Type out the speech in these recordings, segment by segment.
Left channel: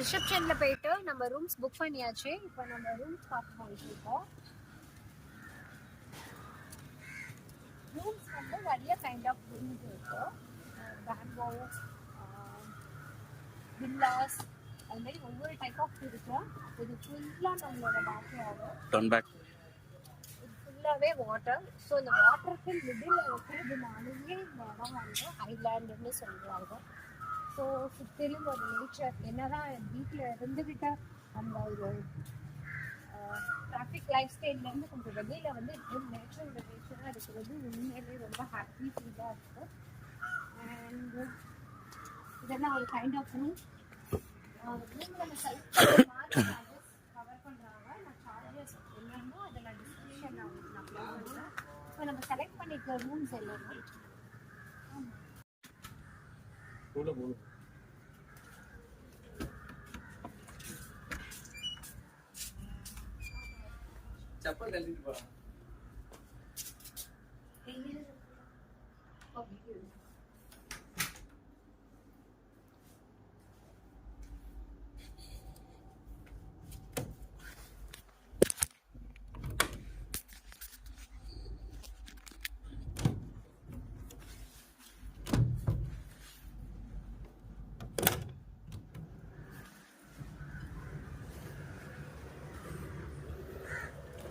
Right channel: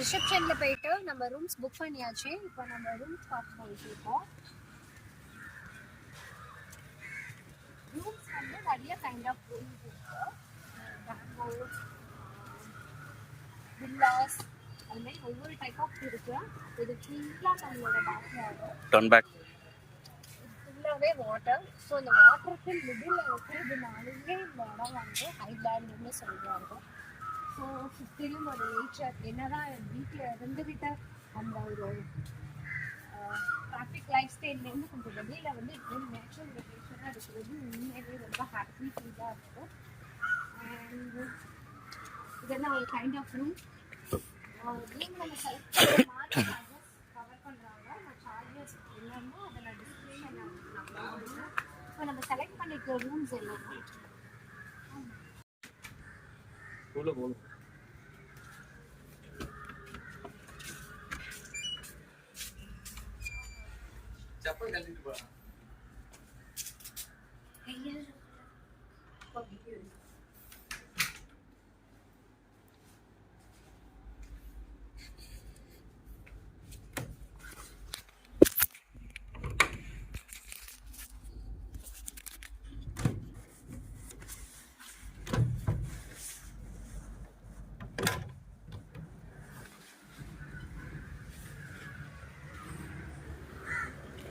ரிசப்ஷன்ல போயிட்டு நம்ம rooms book பண்ணியாச்சு. இப்போ நம்ம ரூம்ஸ் பார்த்து போயிட்டு இருக்கோம். ரூம்ஸ் வந்து நிறைய கைண்ட் ஆஃப் ரூம்ஸ் இருக்கு. வில்லாஸ் அது மாதிரி ஒவ்வொரு டைப் ஆஃப் இருக்கு. இது ஃபுல்லாக நம்மளோட பேக்யார்டு ஃபுல்லாகவே வாட்டர். ஸோ இந்த வாட்டருக்கு மிடில் இருக்கிறதுனாலேயே இந்த இடம் வந்து ஹைலாண்டுன்னு சொல்கிறாங்க. ஸோ சுற்றிலும் ஒரு நேச்சர் என்னதான் வீட்டில் இருந்துக்கிட்ட அந்த ஒரு டிராஃபிக் லைஃப் ஸ்டைல்லேருந்து கொஞ்சம் வெளியில் வந்து ஒரு நேச்சுரல் ரிலேஷனாக இருக்கிறது உண்மையிலே ரொம்ப ஹாப்பி ஃபீலாக இருக்கும். அண்ட் இதெல்லாம் ஒரு கைண்ட் ஆஃப் ரூம். ரூம் நம்ம செலக்ட் பண்ணுற மாதிரி சார்ஜஸ் கவர் பண்ணுறாங்க. நான் சார்ஜஸ் என்னமோ அதை நான் டிஸ்கிரிப்ஷன் நான் கொடுக்குறேன். ஸோ நம்ம செலக்ட் பண்ணிக்கிற ரூம்ஸ் எல்லாமே चप्पल गलती पड़ा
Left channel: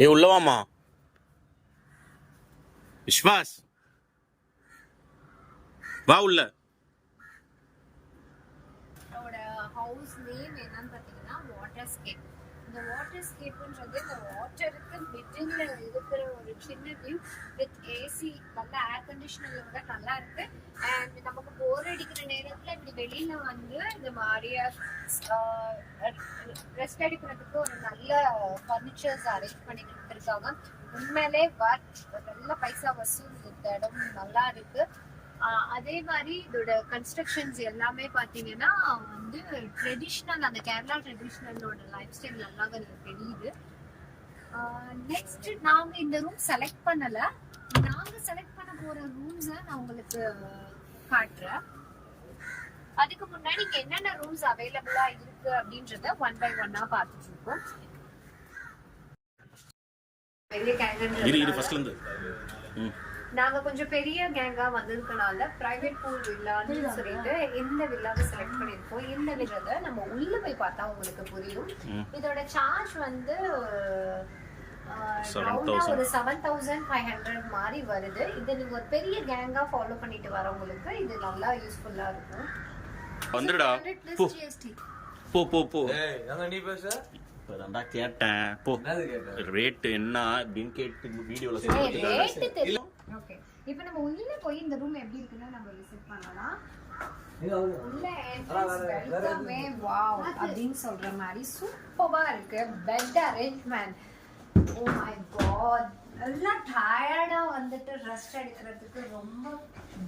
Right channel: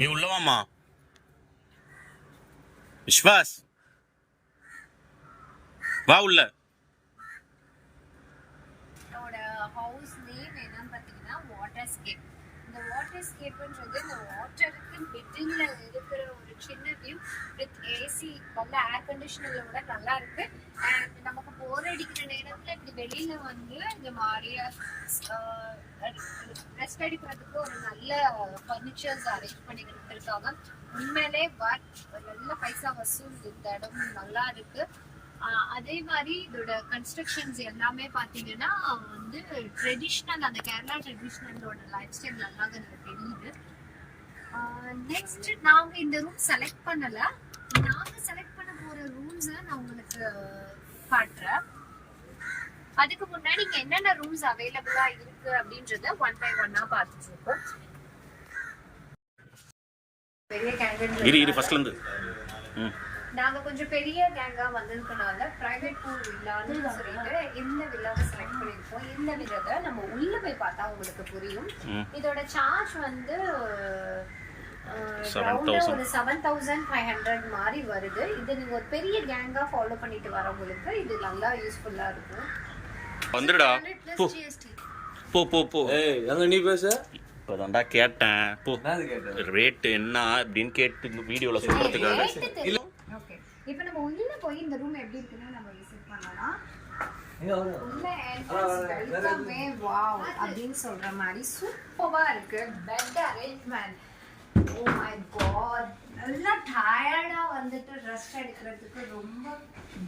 ஏ உள்ளவாமா விஸ்வாஸ் வா உள்ள. ஹவுஸ் நேம் என்னன்னு பார்த்தீங்கன்னா வாட்டர் ஸ்கேப். இந்த வாட்டர் ஸ்கேப்ன்றது இந்த வாட்டருக்கு மிடில் இருக்கிற ஒரு சின்ன வியூ வித் ஏசி நல்ல ஏர் கண்டிஷனரோட நல்லா இருக்கு. அண்ட் நமக்கு போர் அடிக்கிற நேரத்தில் இப்படி வெளியில வந்து இந்த மாதிரியா ரெஸ்ட் எடுக்கிறதுக்கு ஒரு நல்ல ஃபர்னிச்சர்ஸ் அரேஞ்ச் பண்ணி கொடுத்துருக்காங்க. உண்மையிலே நல்ல பைசா வசூல். இந்த இடம் நல்லா இருக்கு. அதே மாதிரி இதோட கன்ஸ்ட்ரக்ஷன்ஸ் எல்லாமே பார்த்தீங்கன்னா வந்து ட்ரெடிஷ்னல், அந்த கேரளா ட்ரெடிஷ்னலோட லைஃப் ஸ்டைல் நல்லா எனக்கு தெரியுது. நெக்ஸ்ட் நாங்கள் இந்த ரூம் செலக்ட் பண்ணல. நாங்கள் செலக்ட் பண்ண போற ரூம்ஸை நான் உங்களுக்கு காட்டுறேன். அதுக்கு முன்னாடி இங்க என்னென்ன ரூம்ஸ் அவைலபிளா இருக்கு அப்படின்றத ஒன் பை ஒன்னா பார்த்துட்டு இருக்கோம். பெரிய கேங் நாங்க கொஞ்சம் பெரிய கேங்கா வந்திருக்கனால பிரைவேட் பூல் வில்லான்னு சொல்லிட்டு இந்த வில்லாவை செலக்ட் பண்ணிருக்கோம். இந்த வில்லதை நம்ம உள்ள போய் பார்த்தா உங்களுக்கு புரியும். இதோட சார்ஜ் வந்து ஒரு 7,500 மாதிரி வருது. இது நீங்க ஒரு பெரிய கேங்கா ஃபாலோ பண்ணிட்டு வரவங்களுக்கு இது நல்லா யூஸ்ஃபுல்லா இருக்கும். வந்துடா போ போ போ. ஏய் அங்க நீ பேசு. இப்பதான்டா கேட்டேன். போ ரேட் என்ன அப்படின்னு கேட்டு வீடியோல சொல்றதுக்காக. ஓகே இப்போ நம்ம உள்ள போய் இந்த ரூம் எப்படி இருக்குன்னு நம்ம விசிட் பண்ணலாம். உள்ள என்ட்ரன்ஸ் வெல்கமே வாவ் அப்படின்னு சொல்ற மாதிரி சூப்பரா இருக்கு. Bed arrangement oh my god. எல்லாம் டயர்டா வந்துட்டு ரெஸ்ட் எடுக்கிறதுக்கு ரொம்ப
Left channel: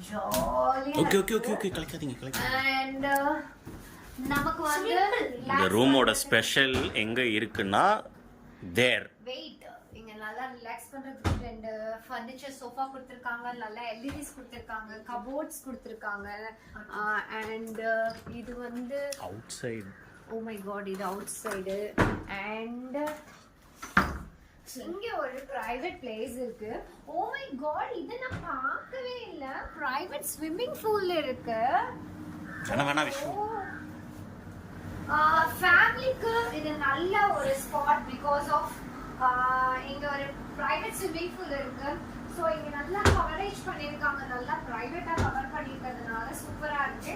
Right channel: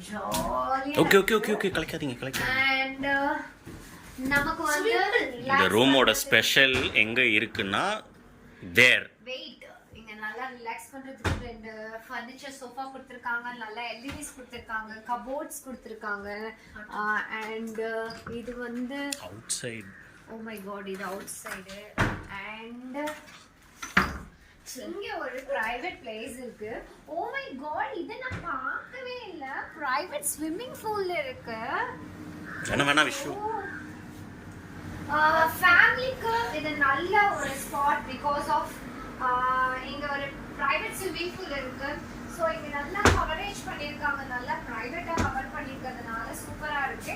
ஜாலியா. ஓகே ஓகே ஓகே ஓகே கலக்காதீங்க. அண்ட் நமக்கு வந்து இந்த ரூமோட ஸ்பெஷல் எங்க இருக்குன்னா தேர் வெயிட் இங்க நல்லா ரிலாக்ஸ் பண்றதுக்கு ரெண்டு ஃபர்னிச்சர் சோஃபா கொடுத்திருக்காங்க. நல்லா எல்இடிஸ் கொடுத்திருக்காங்க. கபோர்ட்ஸ் கொடுத்திருக்காங்க. அண்ட் இது வந்து outside. Oh my god இது அவுட் சைடு. அண்ட் இங்க ஒரு பிரைவேட் பிளேஸ் இருக்கு. ஓ மை காட் இத நான் பார்க்கவே இல்ல. பிரைவேட் ஸ்விம்மிங் பூல் இருக்கு. வேணா விஷு ஃபேமிலிக்கு இது நல்ல ஒரு ஸ்பாட் பிகாஸ் ஆஃப் இங்க ஒரு பிரைவேட் ஸ்விம்மிங் பூல் இருக்கு. ஸோ இங்க நல்லா கவரேஜ் பண்ணியிருக்காங்க. நல்லா பிரைவேட்டா கவர் பண்ணியிருக்கிறதுனால சூப்பரா இருக்கு.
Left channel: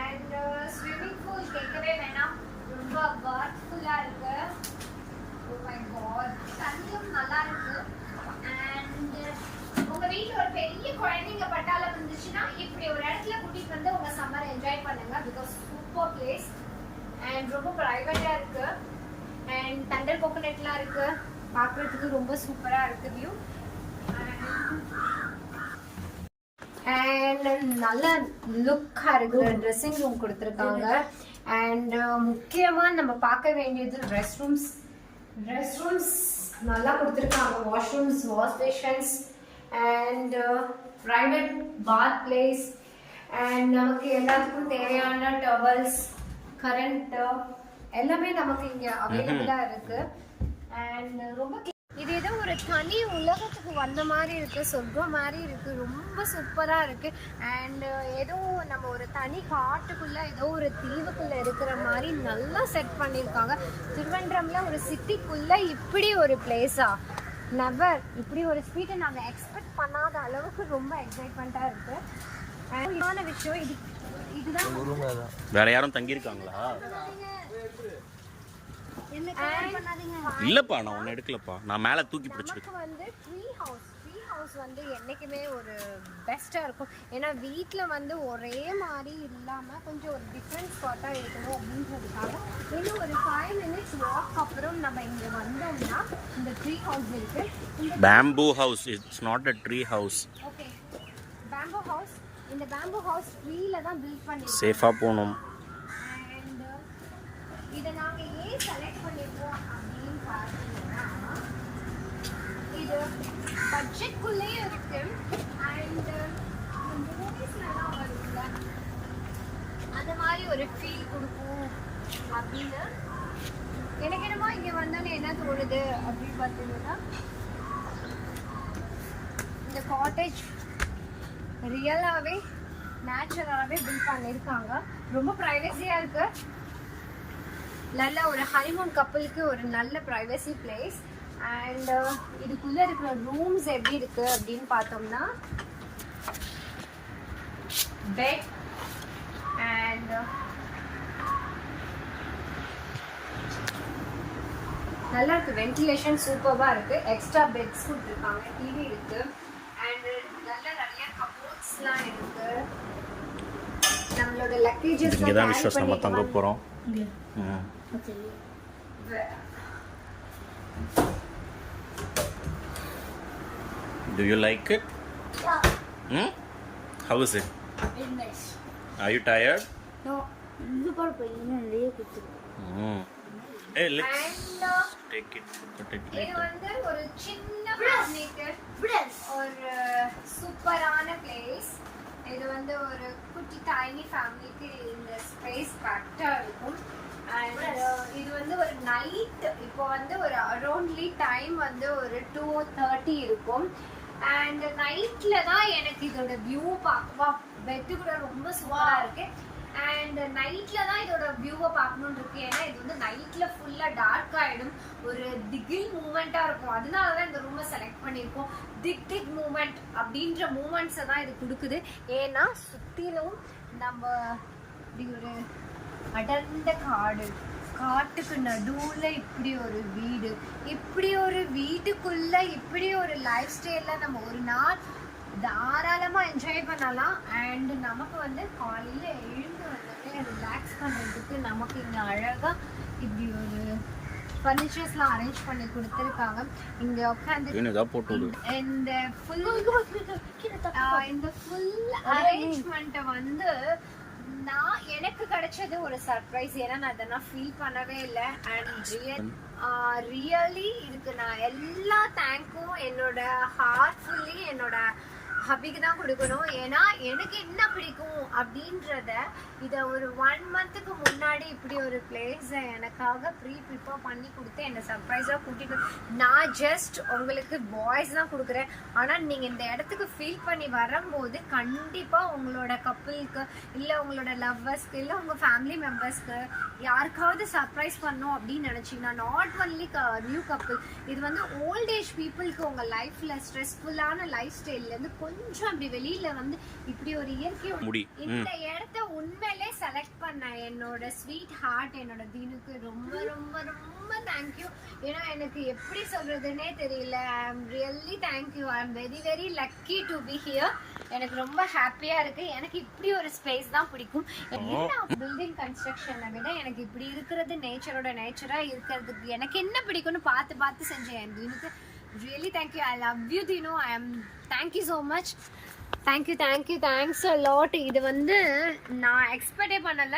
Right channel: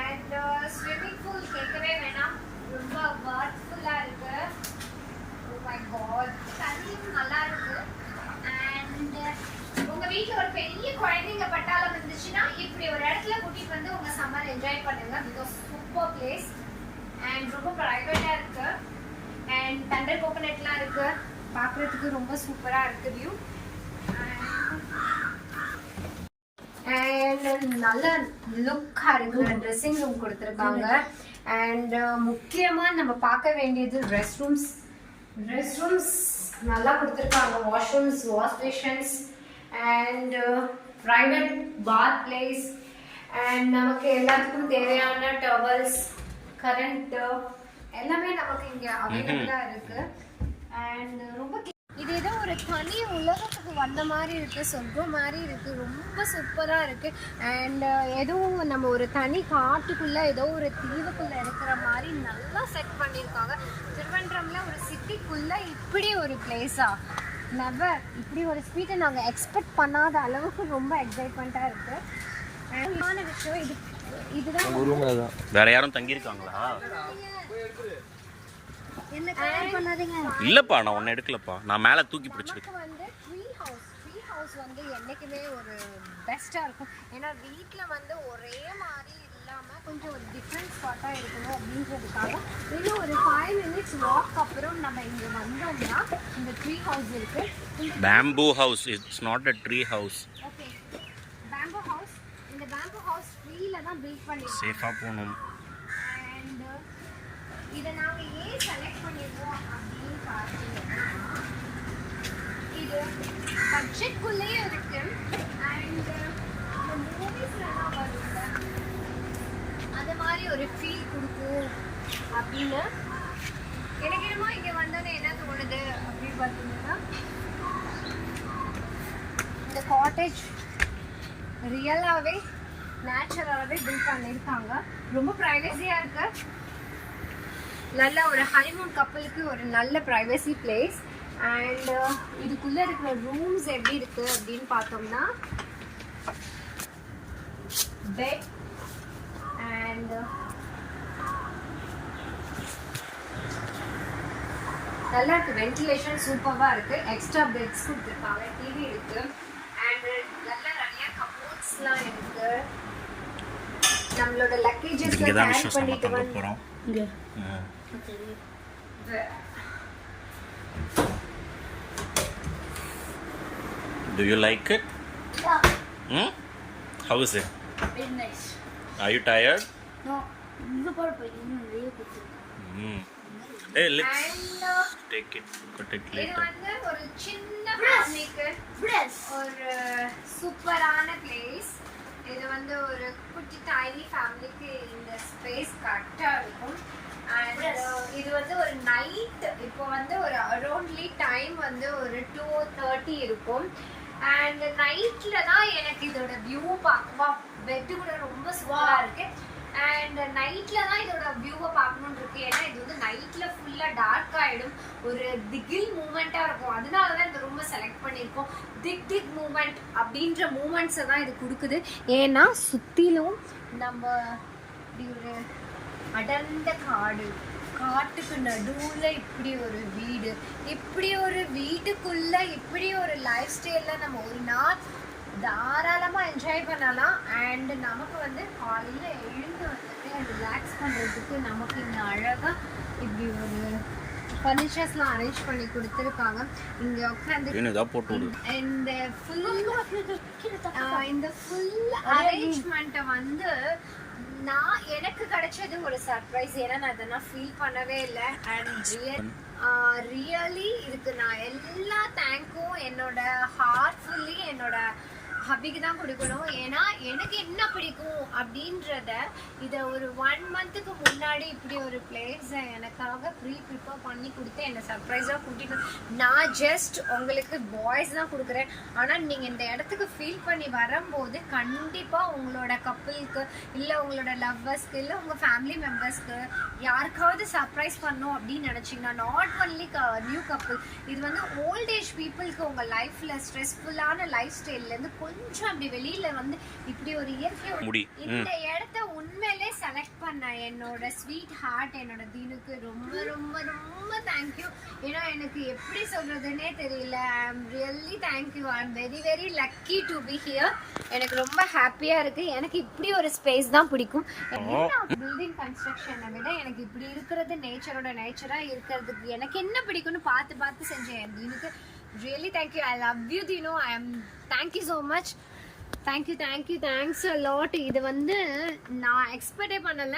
அண்ட் ஸ்விம்மிங் பூல் கேட்கவே வேணாம், ரொம்ப வர்த்ஃபுல்லா இருக்கு. ஓ மை காட் தண்ணியும் நல்லா இருக்கு. அண்ட் உங்க வீட்டுல ஒரு பெரிய குழந்தைங்க பட்டாளம் இருந்துச்சுன்னா இப்படி ஒரு இடத்துல கூட்டிட்டு வந்து உங்க சம்மர் என்ஜாய் பண்ணுங்க. பிகாஸ் சூப்பர் பிளேஸ் அண்ட் ரொம்ப பிரைவேட்டா இருக்கு. அண்ட் தண்டர் கோகனட்லாம் இருக்கு. பார்க்கறதுக்கு ரொம்ப சூப்பரா இருக்கு வியூ. அண்ட் நல்ல லுக்கா இருக்கு. ட்ரெஸ்ஸிங் ரூம் கொடுத்துருக்காங்க. அண்ட் முக்கியமா நம்ம பார்க்க வேண்டியது ரெஸ்ட் ரூம்ஸ். ரெஸ்ட் ரூம்ஸ் நல்லா கொடுத்துருக்காங்க. Washrooms, wash basins and private bath place and நமக்கு எல்லாத்துக்கும் தேவையான டவல்ஸ், கரண்ட் எல்லாமே நமக்கு இங்க அவைலபிளா இருக்கு. அண்ட் ரொம்ப இது ஏதோ ஒரு தனி உலகத்துக்கு வந்த மாதிரி இருக்கு, சொர்க்கம் மாதிரி இருக்கு, ரொம்ப சூப்பரா இருக்கு. அண்ட் ஏதோ நம்ம ஒரு தனி காட்டுக்குள்ள ஏதோ ஒரு தீவுக்குள்ள இருக்கிற மாதிரி நல்லா செட் பண்ணியிருக்காங்க. திருவனந்தபுரம்ல ஒரு சிட்டிக்குள்ள இப்படி ஒரு பிளேஸா, நெவர். இப்படி ஒரு ஸ்வீட்டை நாங்கள் எக்ஸ்பெக்ட் பண்ணாத அளவுக்கு ரொம்ப எக்ஸைட்மெண்ட்டா இருக்கு. அண்ட் விஷயம் இதுதான். வேற யாரும் தங்கியிருக்காங்களா? இல்லப்பா, நான் ஒன்னு எடுக்கலப்பா, நான் மேல தூக்கி பிடிச்சிருக்கேன். வந்து ட்ரீ ஹவுஸ் வந்து என்னைக்குமே ஒரு பெஸ்டா இருக்கும். ஏன்னா வீட்ல வந்து ஒரே மாதிரி இல்லாம கொஞ்சம் ஒரு டிஃப்ரெண்ட் ஸ்பாட்டா இருக்கணும் அப்படின்றதுக்காக இது ஒரு 5 minutes வாக் அப்புறம் நம்ம இங்க வந்தோம்னா இந்த ட்ரீ ஹவுஸ் இருக்கு. Bamboo house, it's not a tree house. Okay, bamboo house. இந்த பேம்பூ ஹவுஸ் ட்ரீல தான் பில்ட் பண்ணிருக்கோம். சேஃபா போணும். அண்ட் இத நாங்க ஏன் செலக்ட் பண்ணிருக்கோம் அப்படின்னு பார்த்தீங்கன்னா இது பட்ஜெட்குள்ளேயே இருக்கு. அண்ட் மூவிஸ்லாம் வரும்ல அது மாதிரி ஒரு ஃபீல் கொடுக்கும் அப்படின்னு எனக்கு என்னமோ இங்கே வந்தோன்னே என்ன தோணுது அப்படின்னு பார்த்தீங்கன்னா இந்த காட்டேஜ் ரியலாகவே நேச்சுரலாகவே பில்ட் பண்ணியிருக்காங்க. ரொம்ப ப்ரைவசியாக இருக்கு. நல்ல ஒரு ஹனிமூன் கப்பலுக்கு ஒரு நல்ல ப்ரைவசி பிளேஸ். அண்ட் இதுக்குள்ளே இருக்கிற ரூம்ஸ் எப்படி இருக்கு அப்படின்னு பார்த்தோம்னா பெட் அண்ட் நல்லா இருக்கு. வென்டிலேஷன் சூப்பராக இருக்கு. எக்ஸ்ட்ரா பெட்ஸ் கொடுத்துருக்காங்க, டிவி இருக்கு. அண்ட் நல்ல நிறைய கபோர்ட்ஸ்லாம் இருக்கு. நம்மளோட லக்கேஜஸ் இங்க தான் விஷயம் நம்ம தங்க போறோம். Do you like it? Yeah. How is it? Very nice. Are you tired? No, you got to really good. Hey, let's And take it. Cut it இது later. வந்து ஒரு சின்ன ஃபேமிலிக்கு ஒரு சூப்பரான பிளேஸ். இது வந்து ஒரு குட்டி டைனி ஃபேமிலிக்கு இந்த ஸ்பேஸ் கரெக்டாக இருக்கும். அண்ட் இது வந்து ஒரு நைட், இப்போ வந்து ஒரு அரௌண்ட்லி டைம் வந்து ஒரு 2:30 இருக்கும். அண்ட் நைட்ல தான் எனக்கு இதோட வியூ பார்க்க, பெட்டு கூட ரொம்ப சூப்பராக இருக்கு. அண்ட் நைட்ல தான் இதோட வியூவை பார்க்கணும்னு இருக்கு. ஏன்னா இது வந்து நைட்ல ஃபுல்லா டார்க் ஆயிடும், ஒரு திகில் மூமெண்டா இருக்கும். அதனால தான் இந்த ரூமை செலக்ட் பண்ணியிருக்கோம். திக் மூமெண்ட் அப்படின்ற மூமெண்ட்ஸை தான் இது கொடுக்குது. ஏன்னா சுத்திலும் நம்ம இப்படி ஒரு அடர்ந்த காட்டுக்கு நடுவுல இப்படி ஒரு வீடு, இப்படி ஒரு வீட்டுக்குள்ள இப்படி ஒரு லைஃப் ஸ்டைல்ல நம்ம ஒரு நாள் தாராளமா என்ஜாய் பண்ணலாம். அண்ட் நமக்கு வந்து காலையில எழுந்து வந்துட்டு ரிலாக்ஸ் பண்றதுக்கு நமக்கு இந்த அழகா இப்படி ஒரு ஃபர்னிச்சர்ஸ்லாம் அரேஞ்ச் பண்ணி கொடுத்துருக்காங்க. இங்க உட்காந்து இந்த ஃபுல் அரேஞ்ச்மெண்ட்டை வந்து எனக்கு கிடைச்சது ஒரு சர்ப்ரைஸ். ஏன்னா நான் இதெல்லாம் ஃபீல் பண்ணவே இல்லை. அண்ட் ரியலி இதுக்கு நான் எல்லா தேங்க்கும் என்னோட ஹார்ட்ஃபுல்லி என்னோட ஹபிக்கு தான் கொடுக்கணும். ஏன்னா எனக்கு என்ன பிடிக்கும் அப்படின்றத இதை ஒரு 1 monthக்கு முன்னாடி இப்படி ஒரு பிளேஸை எனக்காக ப்ரிப்பேர் பண்ணி கொடுத்து என்னை சர்ப்ரைஸாக கூட்டிட்டு, நான் ஜஸ்ட் உங்களுக்கு பாய்ஸ் தான் கொடுக்குறேன். ஆனால் நீங்கள் இந்த இடத்துக்கு ஃபீல் பண்ணி வரும்போது கண்டிப்பாக உங்களோட கப்புளுக்கு இல்லை உங்களோட லவ்வர்ஸ்க்கு இல்லை உங்கள் ஃபேமிலி மெம்பர்ஸ்க்கு யாருக்காவது சர்ப்ரைஸ் பண்ணணும் அப்படின்னு நினச்சிங்கன்னா, நாட் ஒன்லி நியூ கப்புள், இது வந்து ஓல்ட் ஏஜ் பீப்புளுக்கு உங்கள் லைஃப்பில் ஸ்ட்ரெஸ்ஃபுல்லான லைஃப் ஸ்டைல்லேருந்து கொஞ்சம் அப்படி வெளியில வந்து இப்படி ஒரு இயற்கையோட இந்த இடத்த உண்மையிலே செலக்ட் பண்ண என்னோட ஸ்வீட் ஹார்ட் என்னோட தீனுக்கு ரொம்ப ரொம்ப ரொம்ப தேங்க்யூ. ஏன்னா எனக்கு எப்படி சொல்றதுன்னே தெரியல. I am really thank you. I am very very lucky to be here. எனக்கு ரொம்ப ஹாப்பியா இருக்கு. எனக்கு இப்படி ஒரு ஸ்பேஸ் தான் பிடிக்கும். பில்டிங் கன்ஸ்ட்ரக்ஷனை விட எனக்கு இப்படி இருக்கிறது, நேச்சரோட நேச்சரா இருக்கிறதுக்கு எனக்கு என்ன பிடிக்கும்னு பார்த்து செஞ்சேன் என் தீனுக்கு. Really thank you. I love you Dino. Thank you so much. Thanks a lot. இது வந்து நான் எக்ஸ்பெக்டே பண்ணல.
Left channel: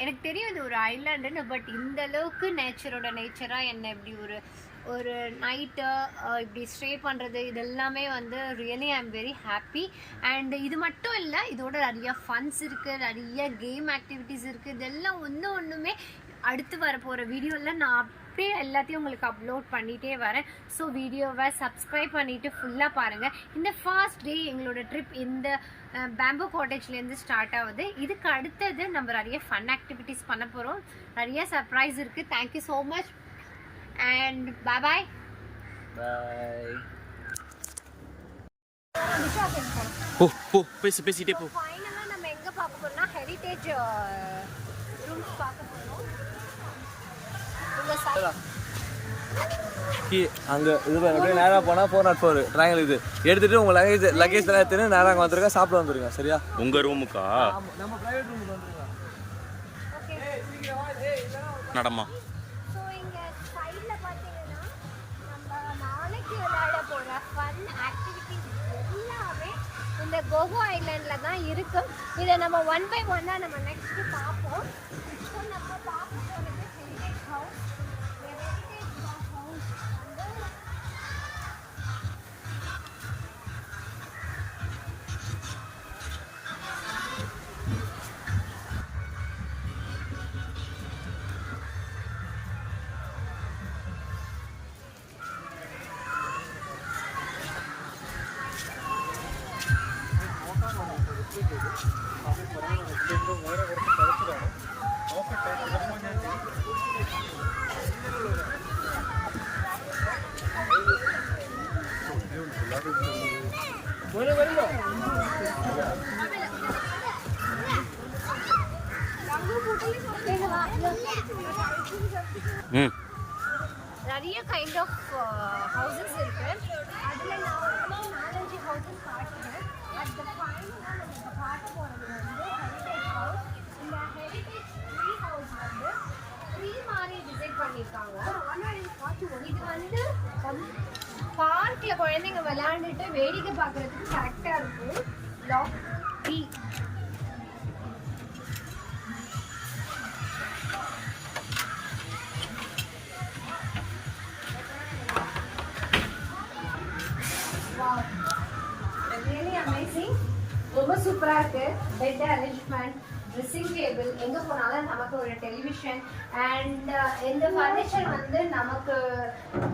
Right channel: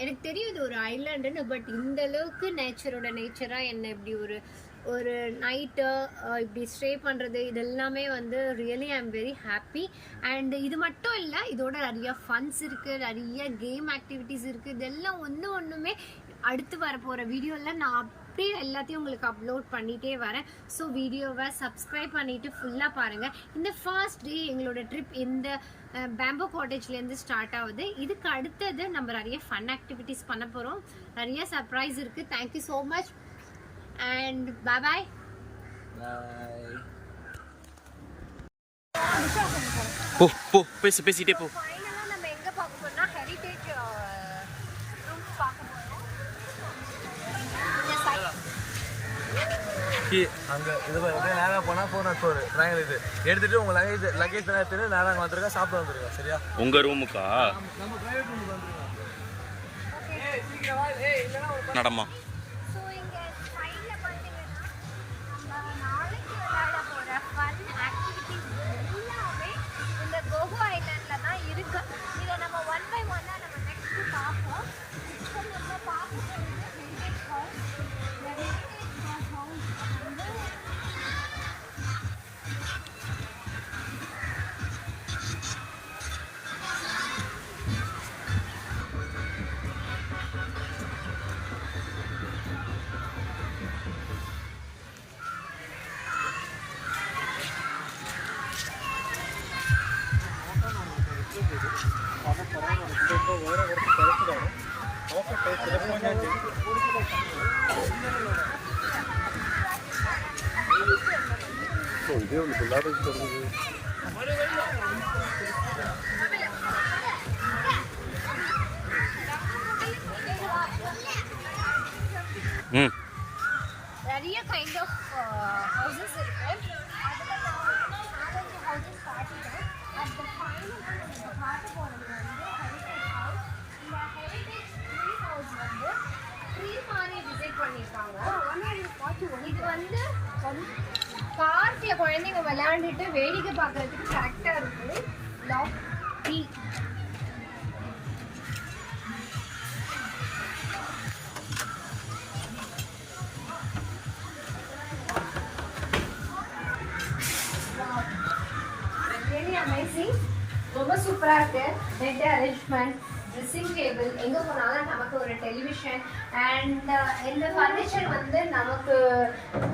எனக்கு தெரியும் இது ஒரு ஐலாண்டுன்னு, பட் இந்த அளவுக்கு நேச்சரோட நேச்சரா என்ன இப்படி ஒரு ஒரு நைட்டு இப்படி ஸ்டே பண்ணுறது இதெல்லாமே வந்து really I am very happy. And இது மட்டும் இல்லை, இதோட நிறைய ஃபன்ஸ் இருக்குது, நிறைய கேம் ஆக்டிவிட்டீஸ் இருக்குது. இதெல்லாம் ஒன்றுமே அடுத்து வர போகிற வீடியோவில் நான் அப்படியே எல்லாத்தையும் உங்களுக்கு அப்லோட் பண்ணிகிட்டே வரேன். ஸோ வீடியோவை சப்ஸ்கிரைப் பண்ணிவிட்டு ஃபுல்லாக பாருங்கள். இந்த ஃபர்ஸ்ட் டே எங்களோட ட்ரிப் இந்த பேம்போ காட்டேஜ்லேருந்து ஸ்டார்ட் ஆகுது. இதுக்கு அடுத்தது நம்ம நிறைய ஃபன் ஆக்டிவிட்டீஸ் பண்ண போகிறோம். நிறைய சர்ப்ரைஸ் இருக்குது. Thank you so much and bye bye. பேசிட்டே போ. ஃபைனலாக நம்ம எங்கே பார்க்க போகிறோம்னா ஹெரிட்டேஜ் ரூம்ஸ் பார்க்க போகிறோம். இந்த சைட் அங்கே இது அப்படியே நேராக போனால் 404 ட்ராயல் இது எடுத்துகிட்டு உங்கள் லக்கேஜ் எல்லாம் எடுத்துன்னு நேராக அங்கே வந்துருங்க, சாப்பிட வந்துருங்க. சரியா? உங்கள் ரூமுக்கா? நம்ம ப்ரைவேட் ரூமுக்கு வந்துருங்க. நடமா. ஸோ இங்கே சைடில் பார்த்தீங்கன்னா நம்ம நாளைக்கு விளையாட போகிற ஃபன் ஆக்டிவிட்டீஸ் எல்லாமே இந்த கோகோ ஐலாண்டில் தான் இருக்குது. இதை நம்ம 1 by 1 நம்ம நெக்ஸ்ட்டு பார்ப்போம். இப்போ நம்ம பார்க்க போகிறது ஹெரிட்டேஜ் ஹவுஸ். இந்த ஹெரிட்டேஜ் ஹவுஸ் வந்து நிறைய கைண்ட் ஆஃப் ஹவுசஸ் இருக்கு. அதில் நான் ஒரு 4-5 ஹவுசஸ் காட்டிட்டேன். அந்த ஃபைனலாக நம்ம இப்போ காட்ட போகிறது வந்து ஹெரிட்டேஜ் ஹவுஸ். இந்த ஹெரிட்டேஜ் ட்ரீ ஹவுஸ் வந்து ட்ரீ மாதிரி விசிட் பண்ணியிருக்காங்க. இது வந்து பார்க்கில் குழந்தைங்க விளையாண்டுட்டு வேடிக்கை பார்க்குறதுக்கு கரெக்டாக இருக்குது. Log tree really amazing. ரொம்ப சூப்பரா இருக்கு. பெட் அரேஞ்ச்மெண்ட், ட்ரெஸ்ஸிங் டேபிள், எங்க போனாலும் நமக்கு ஒரு டெலிவிஷன் அண்ட் இந்த ஃபர்னிச்சர் வந்து நமக்கு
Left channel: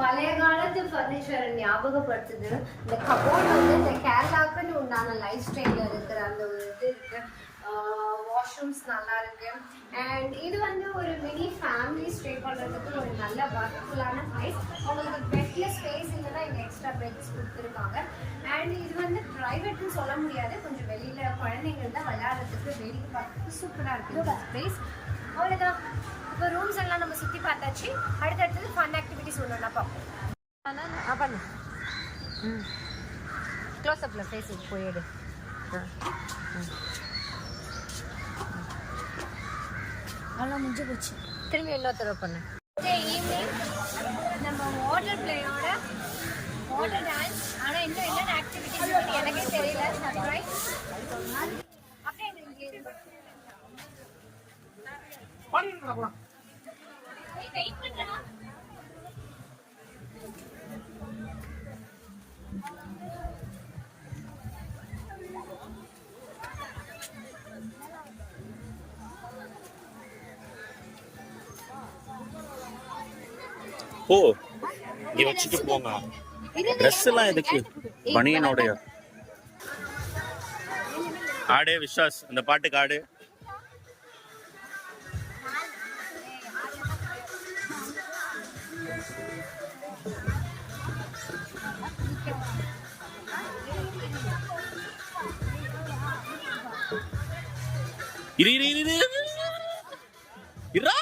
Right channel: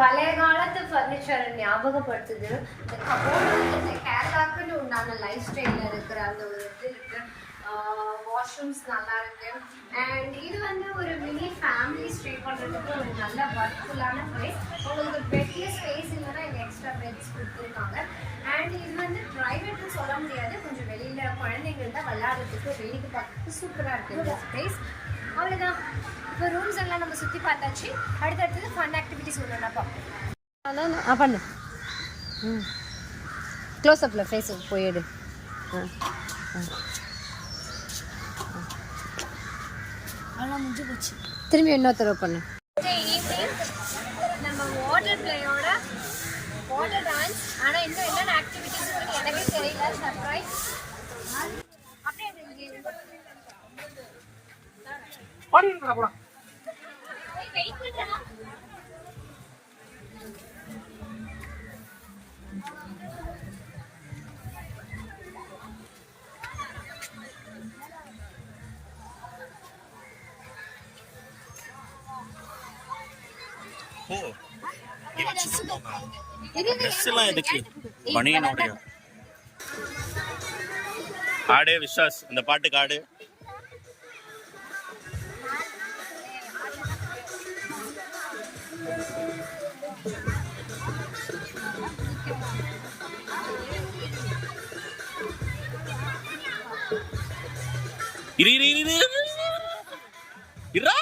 பழைய காலத்து ஃபர்னிச்சர் ஞாபகப்படுத்துது. இந்த கபோர்ட் வந்து இந்த கேரளாக்குன்னு உண்டான லைஃப் ஸ்டைல்ல இருக்கிற அந்த ஒரு இது இருக்கு. வாஷ்ரூம்ஸ் நல்லா இருக்கு. அண்ட் இது வந்து ஒரு மினி ஃபேமிலி ஸ்டே பண்ணுறதுக்கு ஒரு நல்ல ஒர்க்ஃபுல்லான ப்ரைஸ். உங்களுக்கு பெட்டில் ஸ்பேஸ் இல்லைன்னா இங்கே எக்ஸ்ட்ரா பெட்ஸ் கொடுத்துருக்காங்க. அண்ட் இது வந்து ப்ரைவேட்னு சொல்ல முடியாது, கொஞ்சம் வெளியில் குழந்தைங்கள்ட்ட விளையாடுறதுக்கு வேடிக்கை பார்க்கறதுக்கு சூப்பராக இருக்குது இந்த ஸ்பேஸ். அவ்வளோதான். இப்போ ரூம்ஸ் எல்லாம் நம்ம சுற்றி பார்த்தாச்சு. அடுத்தடுத்தது ஃபன் ஆக்டிவிட்டிஸ் ஒன்று பார்ப்போம். பண்ணு. க்ளோஸ்அப்பில் ஃபேஸுக்கு போயிடு. அதெல்லாம் முடிஞ்சு போச்சு. திரும்பி இன்னொருத்தர பண்ணு. ஈவினிங் நம்ம வாட்டர் பிளேயோட வாட்டர் டான்ஸ். ஆனால் இன்னும் என்னென்ன ஆக்டிவிட்டிஸ் இருக்குன்னு எனக்கே தெரியல. சர்ப்ரைஸ். அப்படியே வெயிட் பண்ணுறேன். ஓ, இங்க வச்சுட்டு போங்க. ட்ரெஸ் எல்லாம் எதுக்கு? பனியனோட ஆடு. விஸ்வாஸ், அந்த பாட்டுக்கு ஆடு. இரு இரு இரு இரு.